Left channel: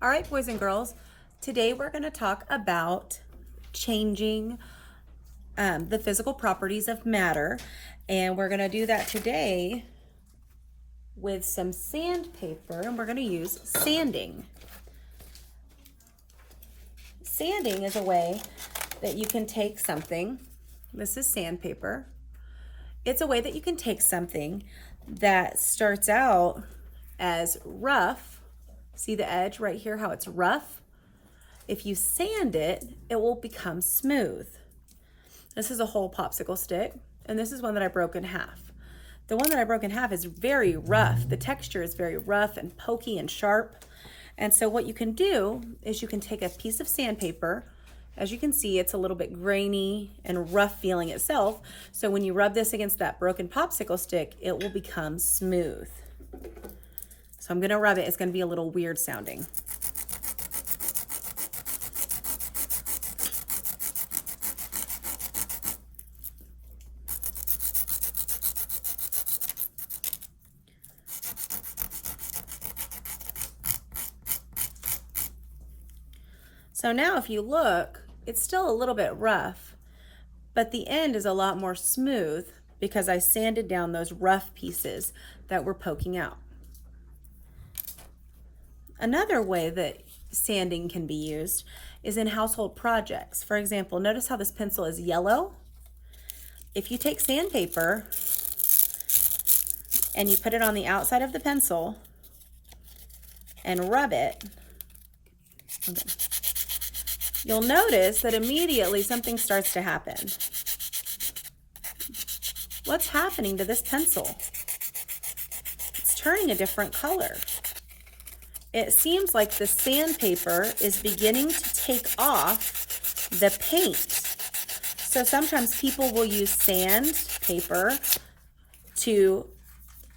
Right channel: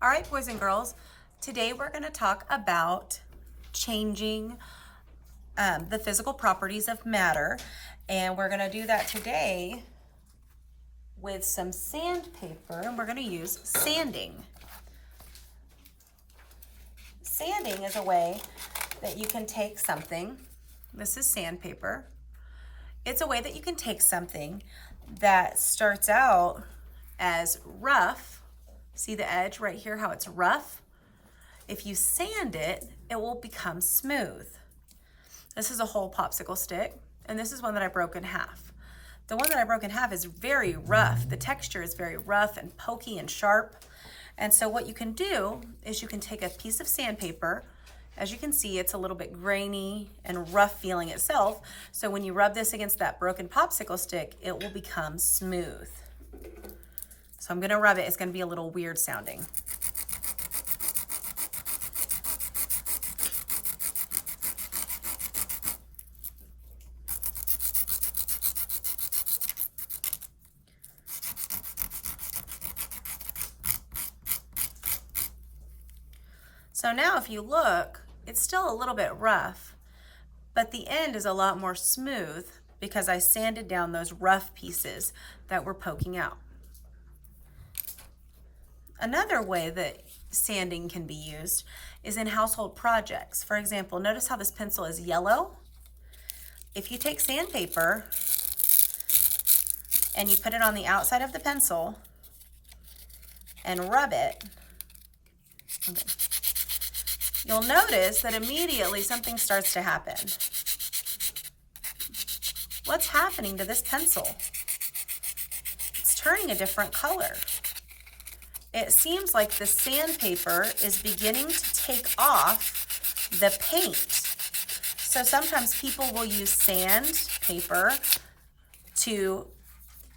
All right, boys and girls, today we're going to talk about changing the physical properties of matter, and we're going to do that today with some sandpaper, and we're going to use sanding. Sanding is a way that you can take something, this is sandpaper, it's a way that you can take something that starts out as rough. See the edge right here, how it's rough? If you sand it, it will become smooth. This is a whole popsicle stick, and this is one that I broke in half. The one that I broke in half is very rough. The texture is very rough and pokey and sharp. And so what you can do is you can take a piece of sandpaper. As you can see, it's a little bit grainy and rough feeling itself. So when you rub this against that broken popsicle stick, it will become smooth. So I'm gonna rub it. It's gonna be a little weird sounding. So now if you look, it's still a little bit rough, but the end is a lot more smooth because I sanded down those rough pieces that were poking out. Another way that sanding can be used is in household projects. For example, notice how this pencil is yellow? If you take sandpaper and you put it on the outside of the pencil and rub it, okay, you'll notice that immediately something starts to happen. What's happening to this pencil? It's turning a different color. It seems like the sandpaper is beginning to take off the paint. So sometimes people will use sandpaper to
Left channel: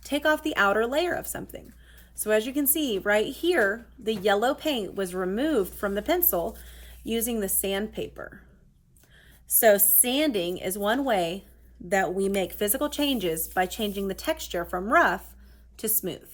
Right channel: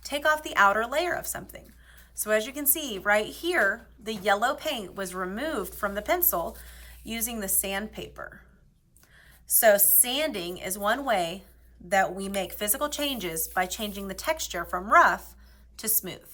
take off the outer layer of something. So as you can see right here, the yellow paint was removed from the pencil using the sandpaper. So sanding is one way that we make physical changes by changing the texture from rough to smooth.